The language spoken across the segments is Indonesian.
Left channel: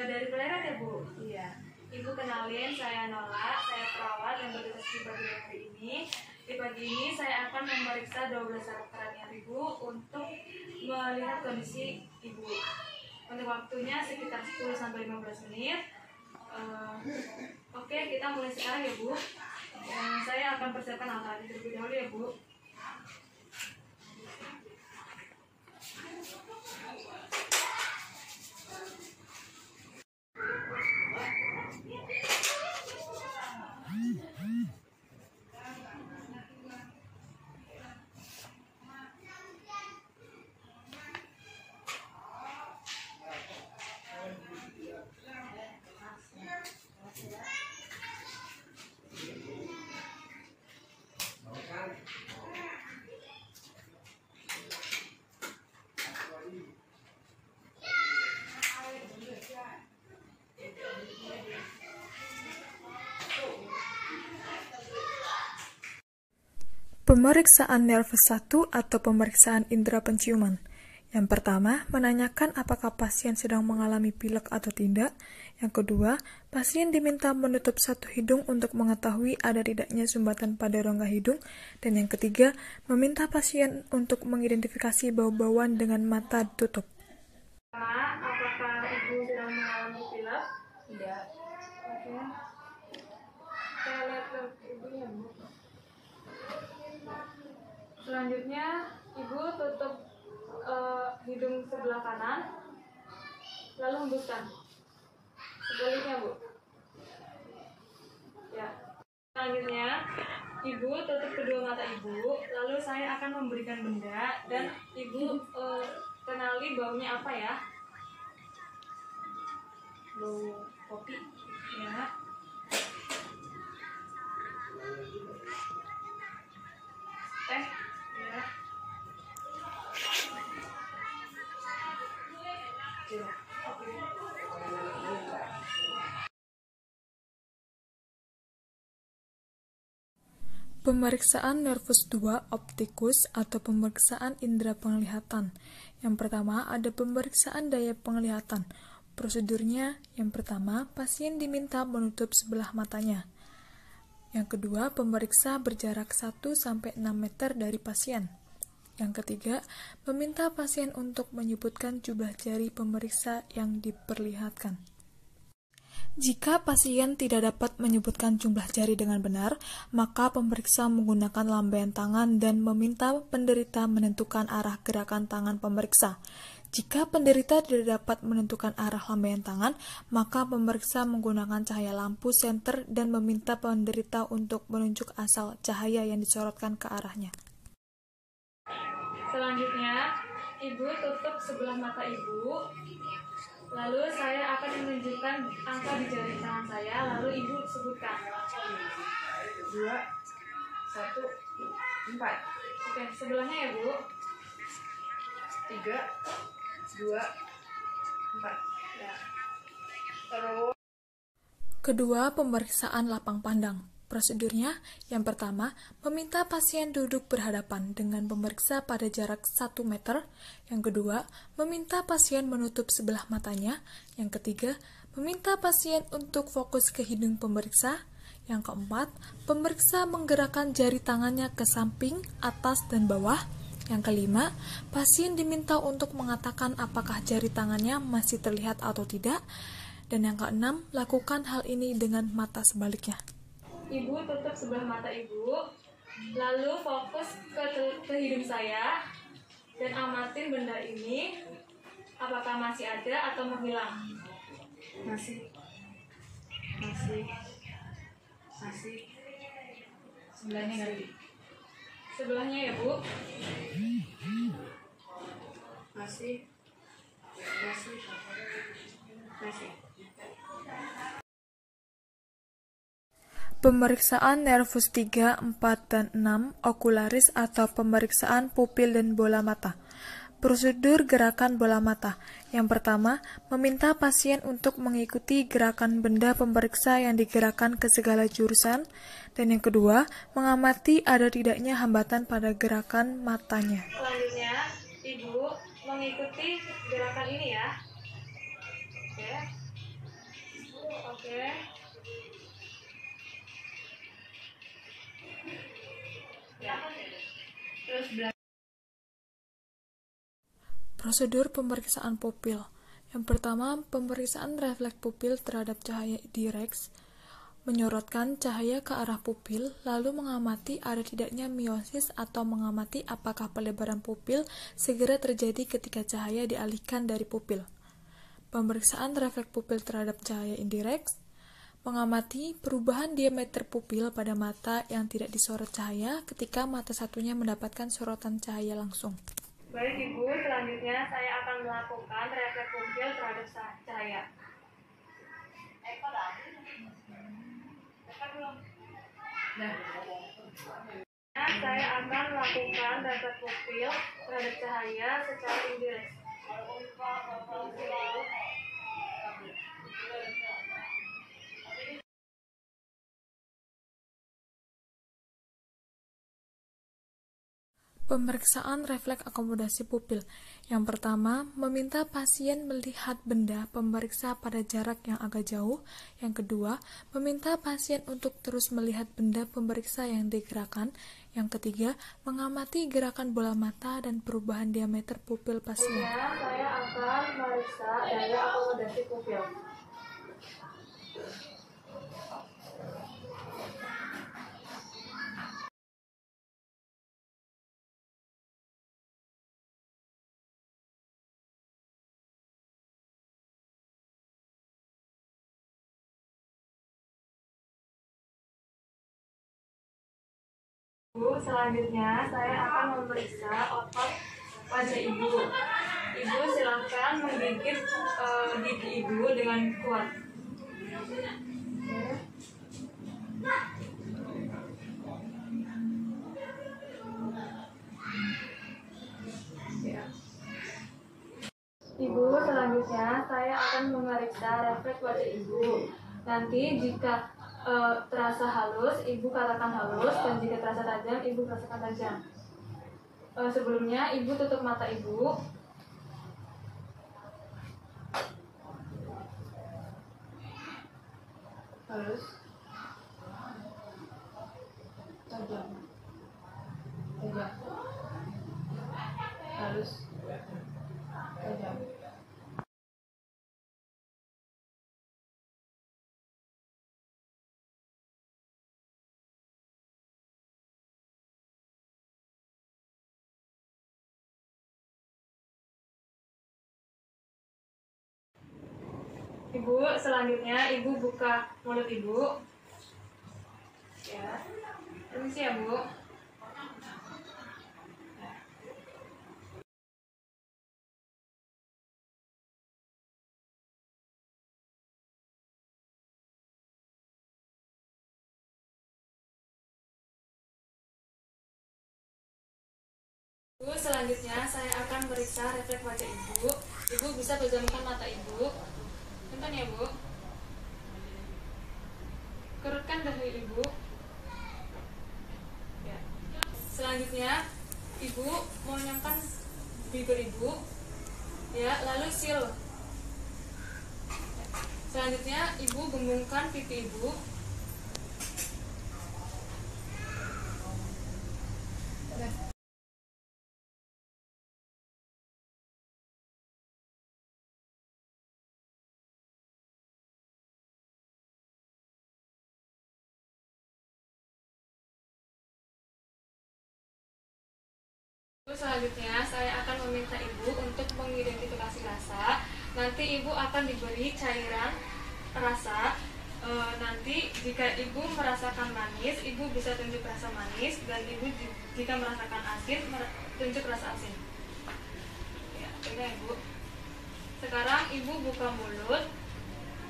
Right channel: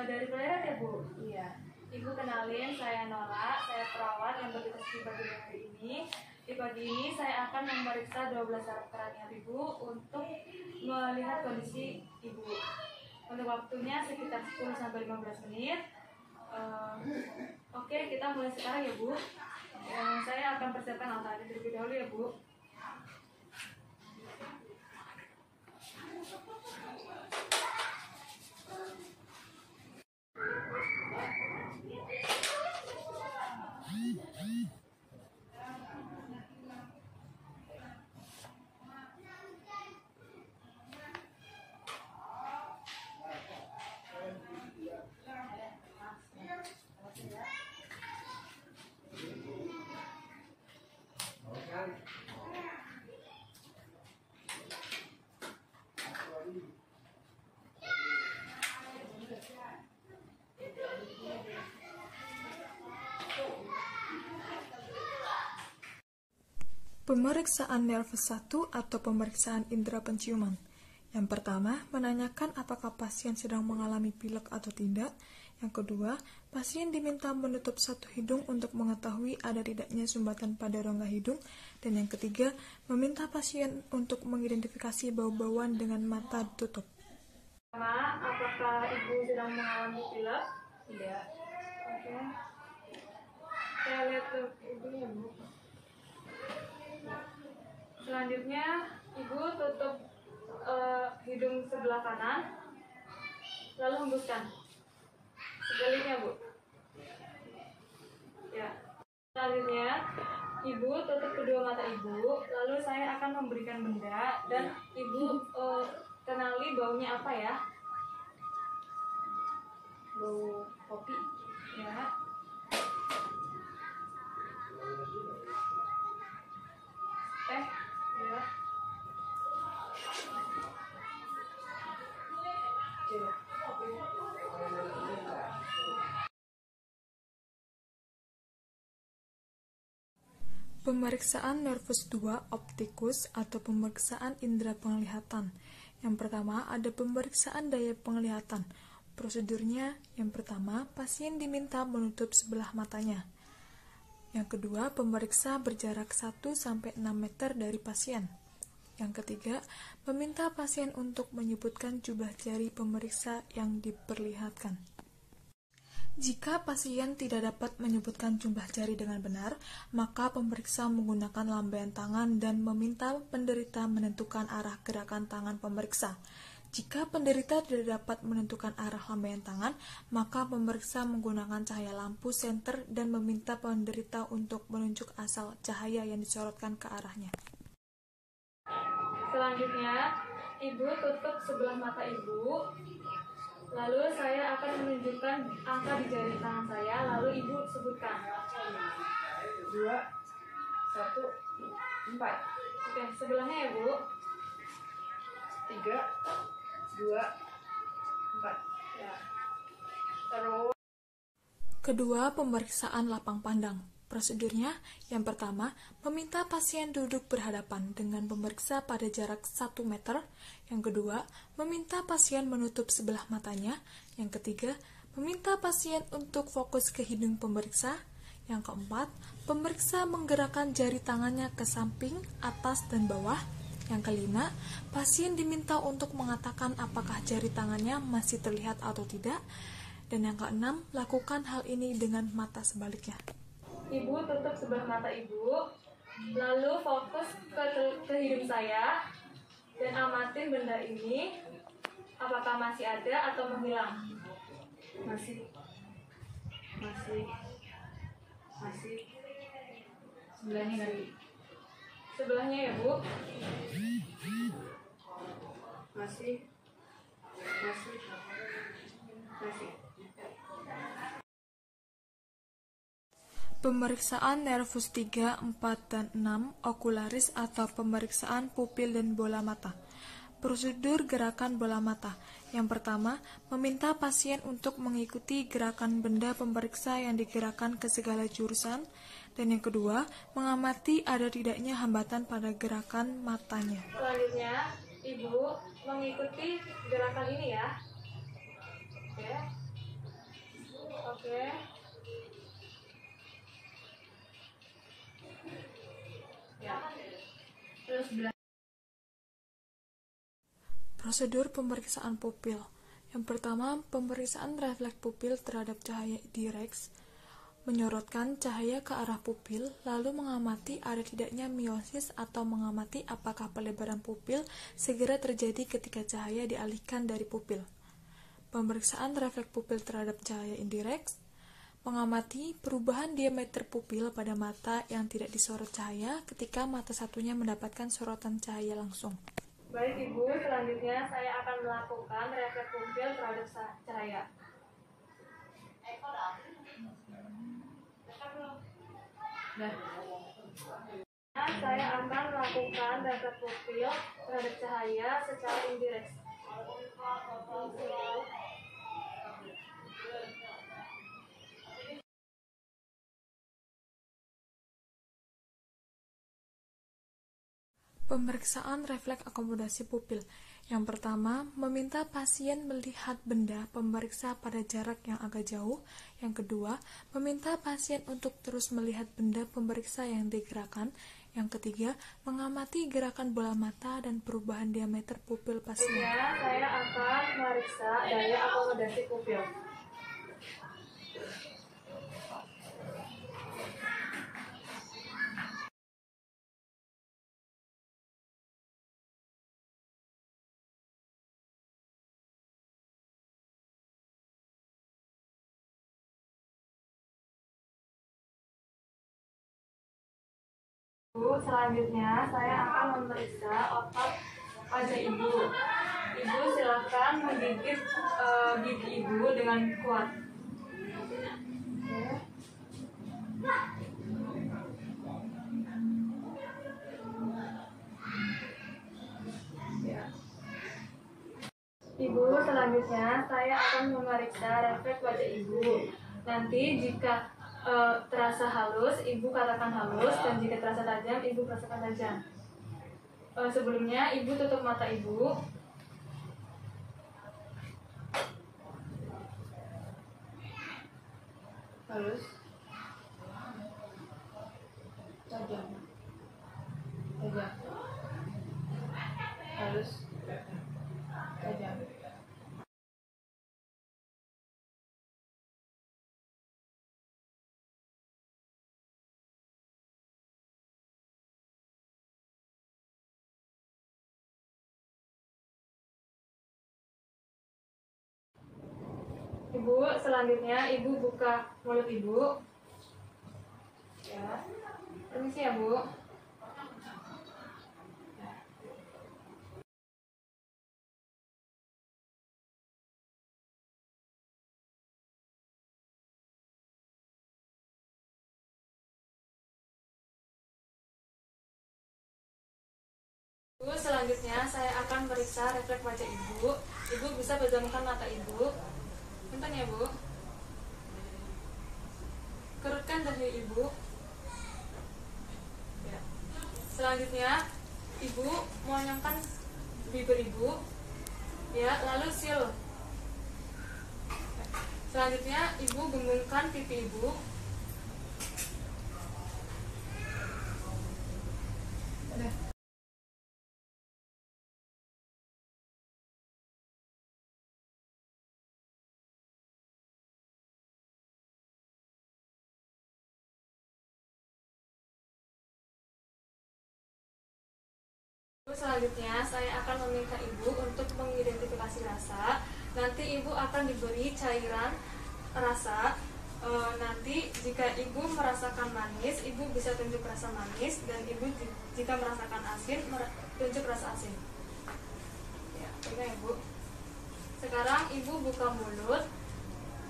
Dari Pleret ya Bu? Iya. Ibu kenalin, saya Nola, saya perawat yang bertugas di pagi hari ini. Di pagi ini saya akan memeriksa 12 saraf keranjang Ibu untuk melihat kondisi Ibu. Untuk waktunya sekitar 10-15 menit. Oke, kita mulai sekarang ya Bu. Saya akan persiapkan alat terlebih dahulu ya Bu. Pemeriksaan nervus 1 atau pemeriksaan indera penciuman. Yang pertama, menanyakan apakah pasien sedang mengalami pilek atau tidak. Yang kedua, pasien diminta menutup satu hidung untuk mengetahui ada tidaknya sumbatan pada rongga hidung. Dan yang ketiga, meminta pasien untuk mengidentifikasi bau-bauan dengan mata ditutup. Apakah Ibu sedang mengalami pilek? Tidak. Oke. Saya lihat Ibu ya Bu. Selanjutnya, Ibu tutup hidung sebelah kanan, lalu hembuskan. Sebaliknya, Bu. Ya. Selanjutnya, Ibu tutup kedua mata Ibu, lalu saya akan memberikan benda dan Ibu kenali baunya apa ya? Bau kopi. Ya. Ya. Pemeriksaan nervus 2 optikus atau pemeriksaan indera penglihatan. Yang pertama, ada pemeriksaan daya penglihatan. Prosedurnya, yang pertama, pasien diminta menutup sebelah matanya. Yang kedua, pemeriksa berjarak 1-6 meter dari pasien. Yang ketiga, meminta pasien untuk menyebutkan jumlah jari pemeriksa yang diperlihatkan. Jika pasien tidak dapat menyebutkan jumlah jari dengan benar, maka pemeriksa menggunakan lambaian tangan dan meminta penderita menentukan arah gerakan tangan pemeriksa. Jika penderita tidak dapat menentukan arah lambaian tangan, maka pemeriksa menggunakan cahaya lampu senter dan meminta penderita untuk menunjuk asal cahaya yang disorotkan ke arahnya. Selanjutnya, Ibu tutup sebelah mata Ibu. Lalu saya akan menunjukkan angka di jari tangan saya, lalu Ibu sebutkan. 2, 1, 4. Oke, sebelahnya ya Bu. 3, 2, 4. Ya. Terus. Kedua, pemeriksaan lapang pandang. Prosedurnya, yang pertama, meminta pasien duduk berhadapan dengan pemeriksa pada jarak 1 meter. Yang kedua, meminta pasien menutup sebelah matanya. Yang ketiga, meminta pasien untuk fokus ke hidung pemeriksa. Yang keempat, pemeriksa menggerakkan jari tangannya ke samping, atas, dan bawah. Yang kelima, pasien diminta untuk mengatakan apakah jari tangannya masih terlihat atau tidak. Dan yang keenam, lakukan hal ini dengan mata sebaliknya. Ibu tutup sebelah mata Ibu, lalu fokus ke hidung saya dan amatin benda ini apakah masih ada atau menghilang. Masih. Sebelahnya nanti. Sebelahnya ya Bu. Masih. Pemeriksaan nervus 3, 4, dan 6, okularis atau pemeriksaan pupil dan bola mata. Prosedur gerakan bola mata. Yang pertama, meminta pasien untuk mengikuti gerakan benda pemeriksa yang digerakkan ke segala jurusan. Dan yang kedua, mengamati ada tidaknya hambatan pada gerakan matanya. Selanjutnya, Ibu mengikuti gerakan ini ya. Oke. Oke. Ya. Terus Prosedur pemeriksaan pupil. Yang pertama, pemeriksaan refleks pupil terhadap cahaya direks, menyorotkan cahaya ke arah pupil, lalu mengamati ada tidaknya meiosis atau mengamati apakah pelebaran pupil segera terjadi ketika cahaya dialihkan dari pupil. Pemeriksaan refleks pupil terhadap cahaya indireks, mengamati perubahan diameter pupil pada mata yang tidak disorot cahaya ketika mata satunya mendapatkan sorotan cahaya langsung. Baik Ibu, selanjutnya saya akan melakukan refleks pupil terhadap cahaya. Saya akan melakukan refleks pupil terhadap cahaya secara indireks. Pemeriksaan refleks akomodasi pupil. Yang pertama, meminta pasien melihat benda pemeriksa pada jarak yang agak jauh. Yang kedua, meminta pasien untuk terus melihat benda pemeriksa yang digerakkan. Yang ketiga, mengamati gerakan bola mata dan perubahan diameter pupil pasien. Saya akan memeriksa daya akomodasi pupil. Selanjutnya saya akan memeriksa otot wajah Ibu. Ibu silakan menggigit gigi Ibu dengan kuat. Ibu, selanjutnya saya akan memeriksa refleks wajah Ibu. Nanti jika terasa halus, Ibu katakan halus, dan jika terasa tajam, Ibu rasakan tajam. Sebelumnya, Ibu tutup mata Ibu. halus, tajam, halus, tajam. Ibu, selanjutnya Ibu buka mulut Ibu. Ya, permisi ya Bu. Ibu, selanjutnya saya akan meriksa refleks wajah Ibu. Ibu bisa pejamkan mata Ibu. Punten ya Bu. Kerutkan dahi Ibu. Ya. Selanjutnya Ibu monyongkan bibir Ibu. Ya, lalu seal. Ya. Selanjutnya Ibu gembungkan pipi Ibu. Selanjutnya saya akan meminta Ibu untuk mengidentifikasi rasa. Nanti Ibu akan diberi cairan rasa. Nanti jika Ibu merasakan manis, Ibu bisa tunjuk rasa manis, dan Ibu jika merasakan asin, tunjuk rasa asin. Ya, ini Ibu. Sekarang Ibu buka mulut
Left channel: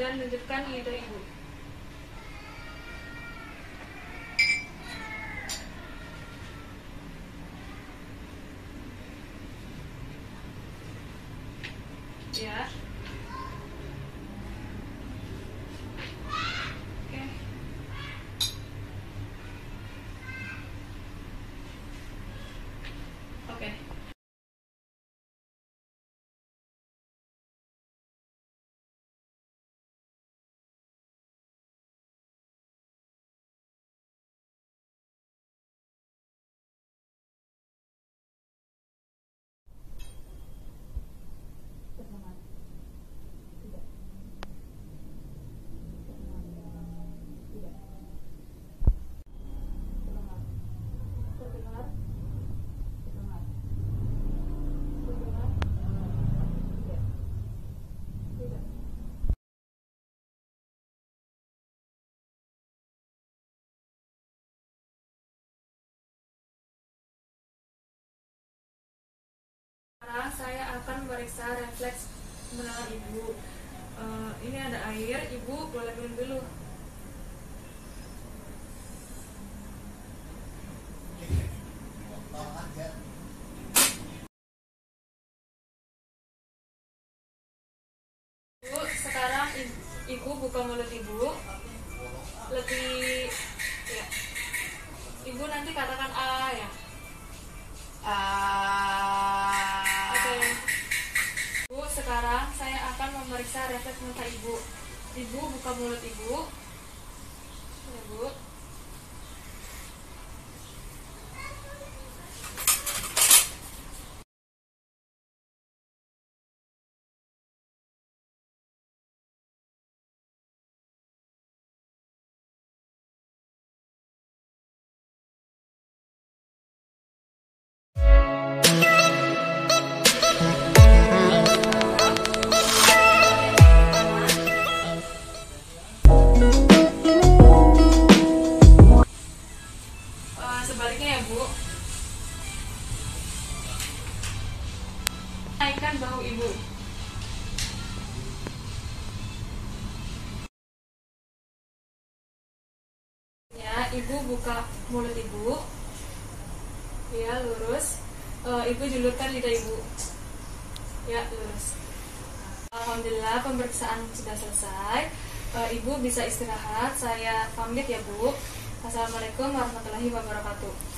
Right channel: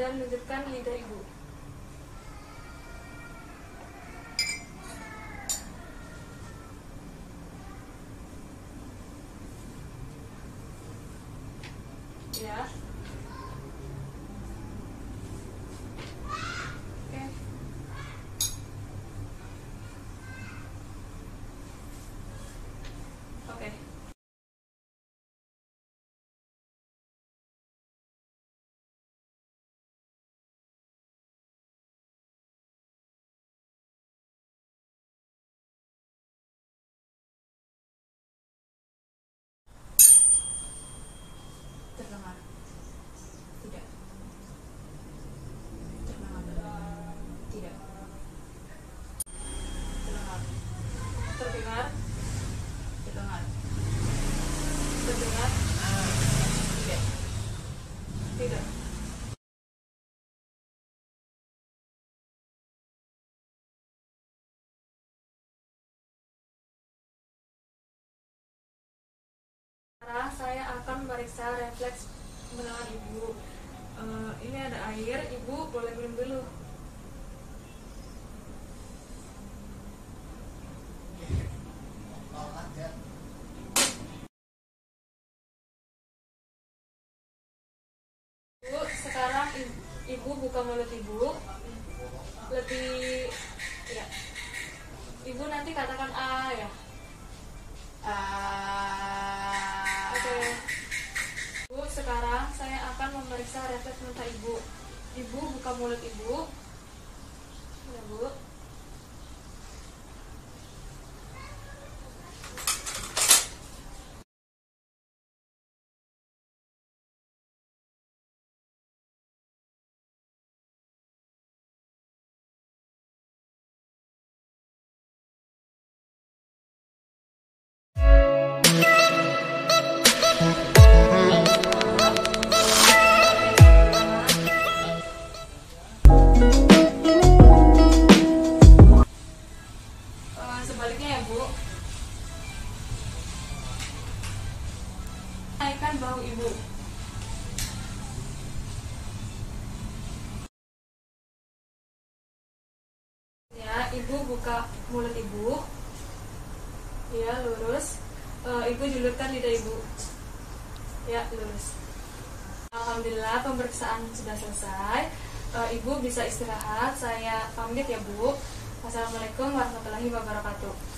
dan tunjukkan lidah Ibu. Ya. Sekarang saya akan memeriksa refleks menahan ibu. Ini ada air, ibu boleh minum dulu. Sekarang ibu buka mulut ibu. Lebih ya. Ibu nanti katakan A ya. Oke. Bu, sekarang saya akan memeriksa refleks mata ibu. Ibu buka mulut ibu. Ya, Bu. Sebaliknya ya, Bu. Naikkan bahu ibu. Ya, ibu buka mulut ibu. Ya, lurus. Ibu julurkan lidah ibu. Ya, lurus. Alhamdulillah, pemeriksaan sudah selesai. Ibu bisa istirahat. Saya pamit ya, Bu. Assalamualaikum warahmatullahi wabarakatuh.